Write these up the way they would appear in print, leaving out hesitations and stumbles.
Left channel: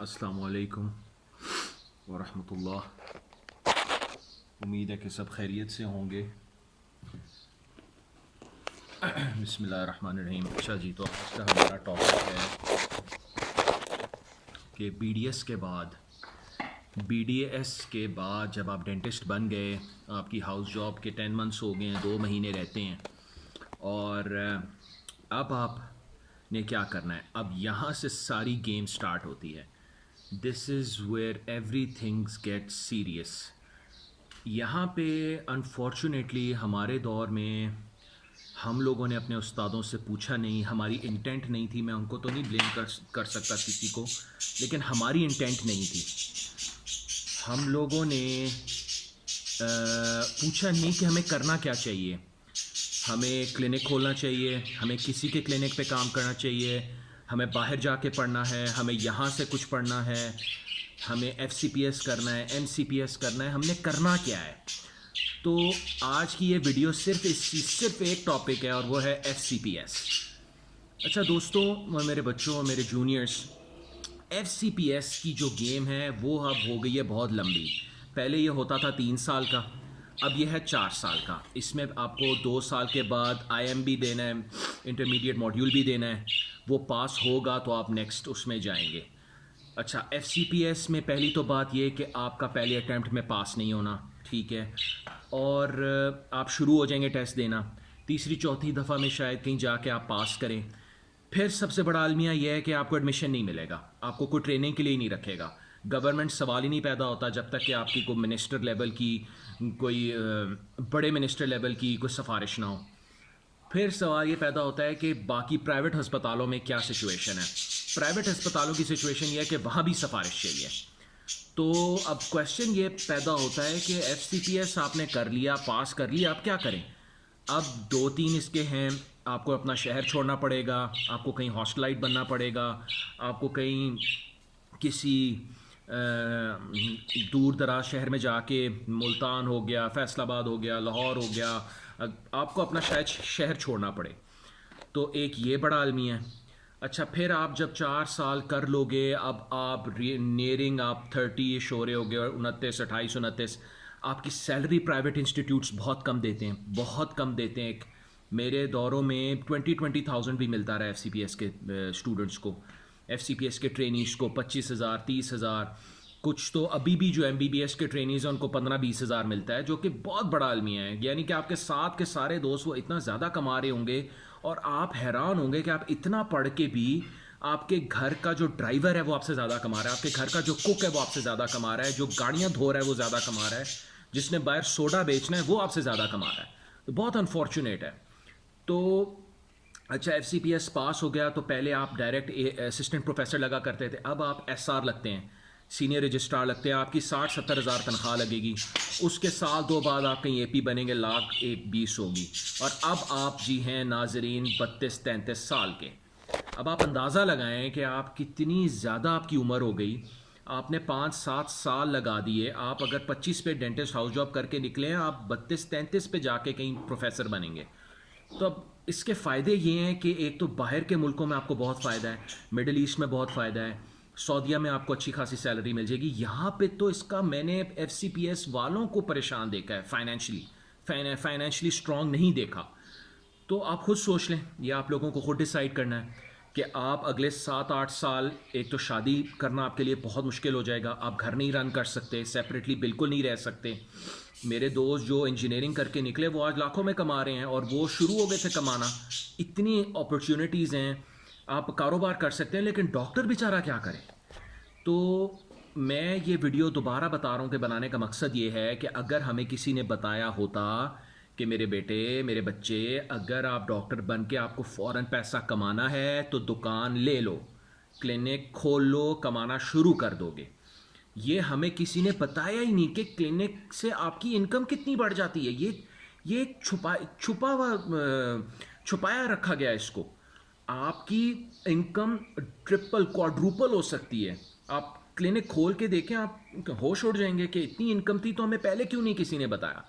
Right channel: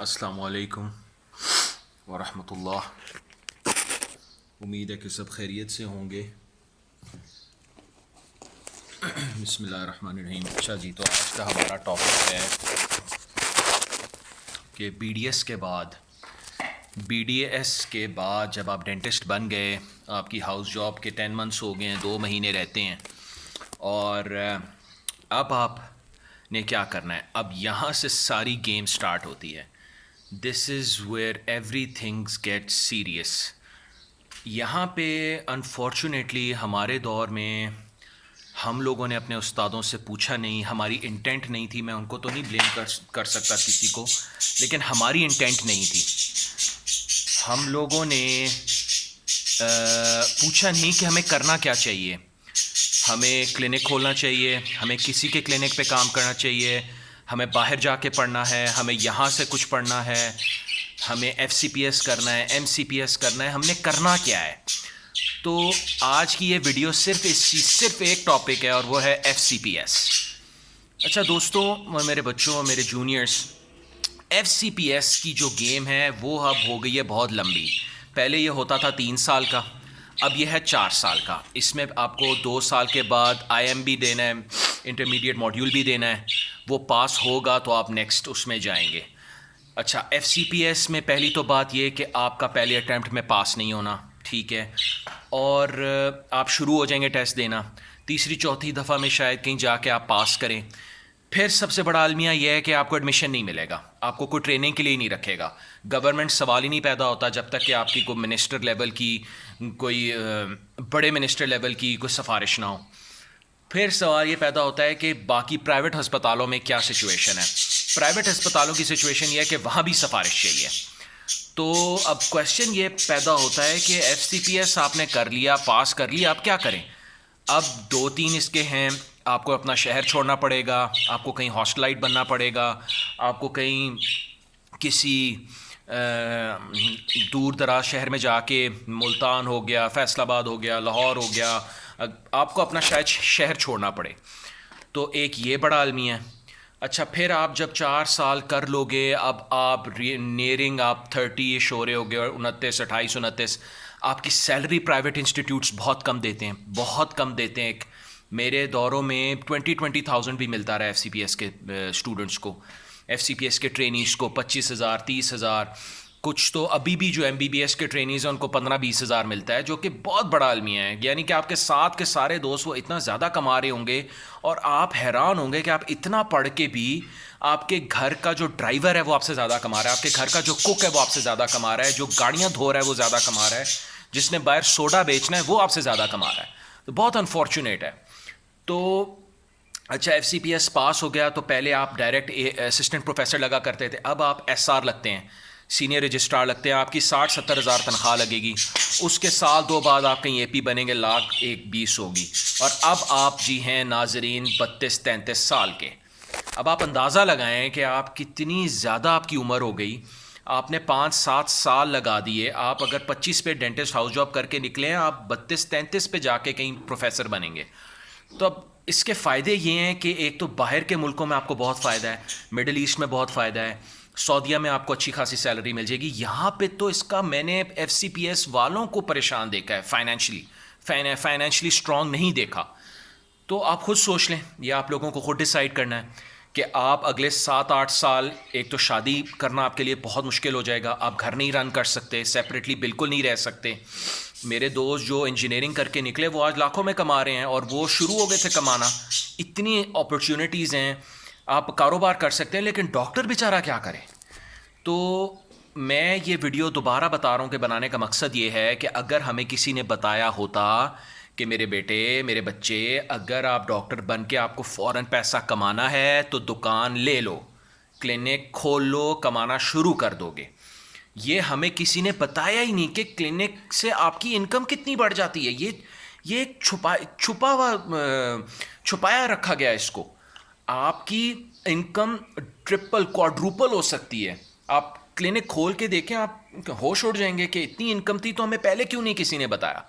السلام علیکم ورحمۃ اللہ. امید ہے کہ سب خیریت سے ہوں گے. بسم اللہ الرحمن الرحیم. اچھا جی، تو آج کا ہمارا ٹاپک ہے کہ بی ڈی ایس کے بعد جب آپ ڈینٹسٹ بن گئے، آپ کی ہاؤس جاب کے 10 منتھس ہو گئے ہیں، 2 مہینے رہتے ہیں، اور اب آپ نے کیا کرنا ہے. اب یہاں سے ساری گیم سٹارٹ ہوتی ہے. This is where every things get serious. یہاں پہ انفارچونیٹلی ہمارے دور میں ہم لوگوں نے اپنے استادوں سے پوچھا نہیں. ہماری انٹینٹ نہیں تھی. میں ان کو تو نہیں بلیم کر سکتا کسی کو، لیکن ہماری انٹینٹ نہیں تھی. ہم لوگوں نے پوچھا نہیں کہ ہمیں کرنا کیا چاہیے. ہمیں کلینک کھولنا چاہیے، ہمیں کسی کے کلینک پہ کام کرنا چاہیے، ہمیں باہر جا کے پڑھنا ہے، ہمیں یہاں سے کچھ پڑھنا ہے، ہمیں ایف سی پی ایس کرنا ہے، ایم سی پی ایس کرنا ہے. ہم نے کرنا کیا ہے؟ تو آج کی یہ ویڈیو صرف ایک ٹاپک ہے، اور وہ ہے ایف سی پی ایس. اچھا دوستوں، میرے بچوں، میرے juniors, F C P S کی جو گیم ہے وہ اب ہو گئی ہے بہت لمبی. پہلے یہ ہوتا تھا 3 سال کا، اب یہ ہے 4 سال کا. اس میں آپ کو 2 سال کے بعد آئی ایم بھی دینا ہے، انٹرمیڈیٹ ماڈیول بھی دینا ہے. وہ پاس ہوگا تو آپ نیکسٹ اس میں جائیں گے. اچھا، ایف سی پی ایس میں پہلی تو بات یہ کہ آپ کا پہلے اٹیمپٹ میں پاس نہیں ہونا، ٹھیک ہے، اور آپ شروع ہو جائیں گے ٹیسٹ دینا. تیسری چوتھی دفعہ میں شاید کہیں جا کے آپ پاس کریں. پھر سب سے بڑا المیہ یہ ہے کہ آپ کو ایڈمیشن نہیں ملے گا، آپ کو کوئی ٹریننگ کے لیے نہیں رکھے گا. گورنمنٹ سوال ہی نہیں پیدا ہوتا جب تک کہ آپ کی کوئی منسٹر لیول کی، کوئی بڑے منسٹر لیول کی کوئی سفارش نہ ہو. پھر سوال یہ پیدا ہوتا ہے کہ باقی پرائیویٹ ہسپتالوں میں کیا سچویشن ہے. پرائیویٹ ہسپتالوں کی سچویشن یہ ہے کہ وہاں بھی سفارش چاہیے. تو اب کویشچن یہ پیدا ہوتا ہے کہ ایف سی پی ایس آپ نے کر لیا، پاس کر لیا، اب کیا کریں؟ اب 2-3 اس کے ہیں. آپ کو اپنا شہر چھوڑنا پڑے گا، آپ کو کہیں ہاسٹلائٹ بننا پڑے گا، آپ کو کہیں کسی دور دراز شہر میں جا کے، ملتان ہو گیا، فیصل آباد ہو گیا، لاہور ہو گیا، آپ کو اپنا شاید شہر چھوڑنا پڑے. تو ایک یہ بڑا المیہ ہے. اچھا، پھر آپ جب 4 سال کر لو گے، اب آپ نیئرنگ آپ 30 ہو رہے ہو گے، 29 آپ کی سیلری پرائیویٹ انسٹیٹیوٹس بہت کم دیتے ہیں، بہت کم دیتے ہیں. میرے دوروں میں 20,000 بھی ملتا رہا ایف سی پی ایس کے اسٹوڈنٹس کو، ایف سی پی ایس کے ٹرینیز کو 25,000 30,000. کچھ تو ابھی بھی جو ایم بی بی ایس کے ٹرینیز ہیں ان کو 15-20 ہزار ملتا ہے، جو کہ بہت بڑا المیہ ہے. یعنی کہ آپ کے ساتھ کے سارے دوست وہ اتنا زیادہ کما رہے ہوں گے، اور آپ حیران ہوں گے کہ آپ اتنا پڑھ کے بھی آپ کے گھر کا جو ڈرائیور ہے وہ آپ سے زیادہ کما رہا ہے، آپ کے گھر کا جو کوک ہے وہ آپ سے زیادہ کما رہا ہے، جو گاڑیاں دھو رہا ہے وہ زیادہ کما رہا ہے، جس نے باہر سوڈا بیچنا ہے وہ آپ سے زیادہ کما رہا ہے. تو بہت انفارچونیٹ ہے. تو اچھا، ایف سی پی ایس پاس ہو گیا تو پہلے آپ ڈائریکٹ اسسٹنٹ پروفیسر لگا کرتے تھے، اب آپ ایس آر لگتے ہیں، سینئر رجسٹرار لگتے ہیں. آپ کی 60-70 ہزار تنخواہ لگے گی. اس کے سال 2 بعد آپ کہیں اے پی بنیں گے، 1,20,000 ہوگی. اور اب آپ جی ہیں ناظرین 32-33 سال کے. اب آپ اندازہ لگائیں کہ آپ کتنی زیادہ آپ کی عمر ہو گئی. آپ نے 5-7 سال لگا دیے. آپ اگر 25 پہ ڈینٹسٹ ہاؤس جاب کر کے نکلیں، آپ 32-33 پہ جا کے کہیں پروفیسر بنیں گے. تو اب اس کے فائدے یہ ہیں کہ ایک تو باہر کے ملکوں میں آپ کو بہت فائدہ ہے، مڈل ایسٹ میں بہت فائدہ ہے، سعودیہ میں آپ کو اچھی خاصی سیلری مل جائے گی. یہاں پہ تو اس کا میں نے ایف سی پی ایس والوں کو پریشان دیکھا ہے، فائنینشلی اسٹرانگ نہیں دیکھا. تو آپ خود سوچ لیں، یہ آپ لوگوں کو خود ڈیسائیڈ کرنا ہے کہ آپ اگلے 7-8 سال، ایک تو شادی کرنا آپ کے لیے بہت مشکل ہو جائے گا، آپ گھر نہیں رن کر سکتے، سیپریٹلی بالکل نہیں رہ سکتے. میرے دوست جو انجینئرنگ کر کے نکلے وہ آج لاکھوں میں کما رہے ہیں، اور وہ شروع ہو گئے تھے کمانا. اتنی اپرچونیٹیز ہیں، آپ کاروبار کر سکتے ہیں، لیکن ڈاکٹر بیچارہ کیا کرے؟ تو میں یہ ویڈیو دوبارہ بتا رہا ہوں کہ بنانے کا مقصد یہ ہے کہ اگر ہمیں کسی نے بتایا ہوتا کہ میرے بیٹے، میرے بچے، اگر آپ ڈاکٹر بن کے آپ کو فوراً پیسہ کمانا ہے تو دکان لے لو، کلینک کھول لو، کمانا شروع کر دو گے. یہ ہمیں کسی نے بتایا ہی نہیں کہ کلینک سے آپ کی انکم کتنی بڑھ جاتی ہے. یہ ایک چھپایا رکھا گیا ہے اس کو. آپ کی انکم ٹرپل کوادروپل ہو سکتی ہے. آپ کلینک کھول کے دیکھیں، آپ ہوش اڑ جائیں گے کہ اتنی انکم تھی تو ہمیں پہلے کیوں نہیں کسی نے بتایا.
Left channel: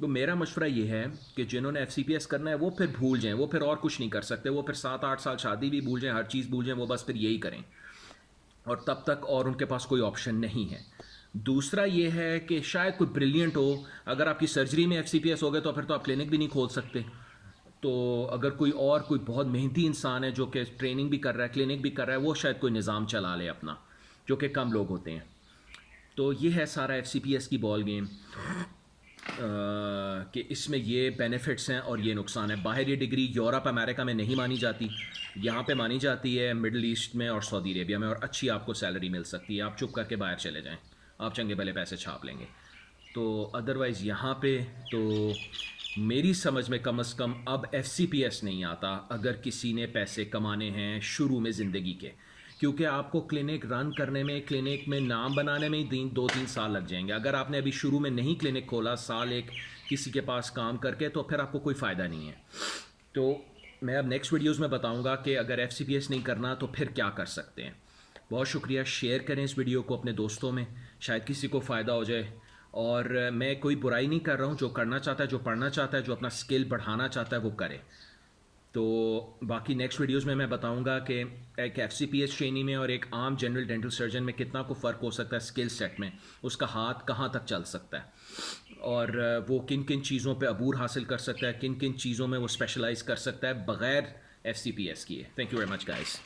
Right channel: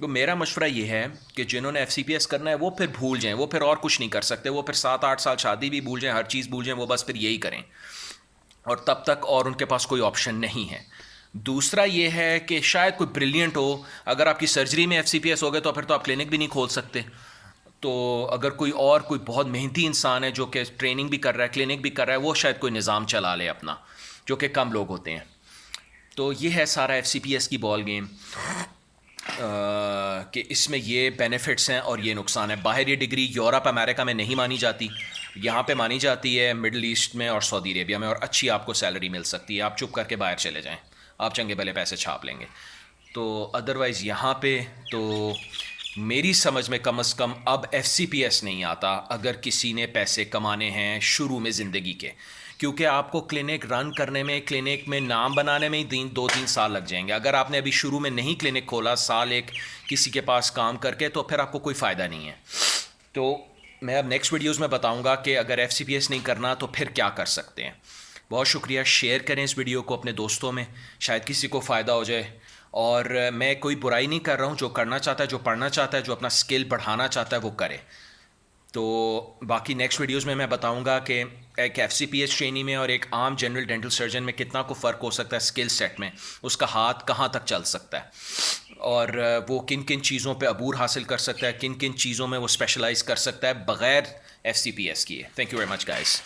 تو میرا مشورہ یہ ہے کہ جنہوں نے ایف سی پی ایس کرنا ہے وہ پھر بھول جائیں، وہ پھر اور کچھ نہیں کر سکتے، وہ پھر 7-8 سال شادی بھی بھول جائیں، ہر چیز بھول جائیں، وہ بس پھر یہی کریں. اور تب تک اور ان کے پاس کوئی آپشن نہیں ہے. دوسرا یہ ہے کہ شاید کوئی بریلینٹ ہو, اگر آپ کی سرجری میں FCPS ہو گئے تو پھر تو آپ کلینک بھی نہیں کھول سکتے. تو اگر کوئی بہت محنتی انسان ہے جو کہ ٹریننگ بھی کر رہا ہے, کلینک بھی کر رہا ہے, وہ شاید کوئی نظام چلا لے اپنا, جو کہ کم لوگ ہوتے ہیں. تو یہ ہے سارا FCPS کی بال گیم, کہ اس میں یہ بینیفٹس ہیں اور یہ نقصان ہے. باہر یہ ڈگری یورپ امریکہ میں نہیں مانی جاتی, یہاں پہ مانی جاتی ہے مڈل ایسٹ میں اور سعودی عربیہ میں, اور اچھی آپ کو سیلری مل سکتی ہے. آپ چپ کر کے باہر چلے جائیں, آپ چنگے بھلے پیسے چھاپ لیں گے. تو ادروائز یہاں پہ تو میری سمجھ میں کم از کم اب FCPS نہیں آتا اگر کسی نے پیسے کمانے ہیں شروع میں زندگی کے, کیونکہ آپ کو کلینک رن کرنے میں, کلینک میں نام بنانے میں ہی 2-3 سال لگ جائیں گے. اگر آپ نے ابھی شروع میں نہیں کلینک کھولا, سال ایک کسی کے پاس کام کر کے, تو پھر آپ کو کوئی فائدہ نہیں ہے. تو میں اب نیکسٹ ویڈیوز میں بتاؤں گا کہ اگر FCPS نہیں کرنا تو پھر کیا کر سکتے ہیں. بہت شکریہ, شیئر کریں اس ویڈیو کو اپنے دوستوں میں, شاید کسی کو فائدہ ہو جائے. اور میں کوئی برائی نہیں کر رہا ہوں, جو کرنا چاہتا ہے, جو پڑھنا چاہتا ہے, جو اپنا اسکل بڑھانا چاہتا ہے وہ کرے. تو باقی نیکسٹ ویڈیوز میں بتاؤں گا کہ ایک FCPS ٹرینی میں اور ایک عام جنرل ڈینٹل سرجن میں کتنا کو فرق ہو سکتا ہے اسکل سیٹ میں, اس کا ہاتھ کہاں تک چل سکتا ہے, اور وہ کن کن چیزوں پہ عبور حاصل کر سکتا ہے, کن کن چیزوں میں وہ اسپیشلائز کر سکتا ہے بغیر FCPS کیے. Thank you very much guys.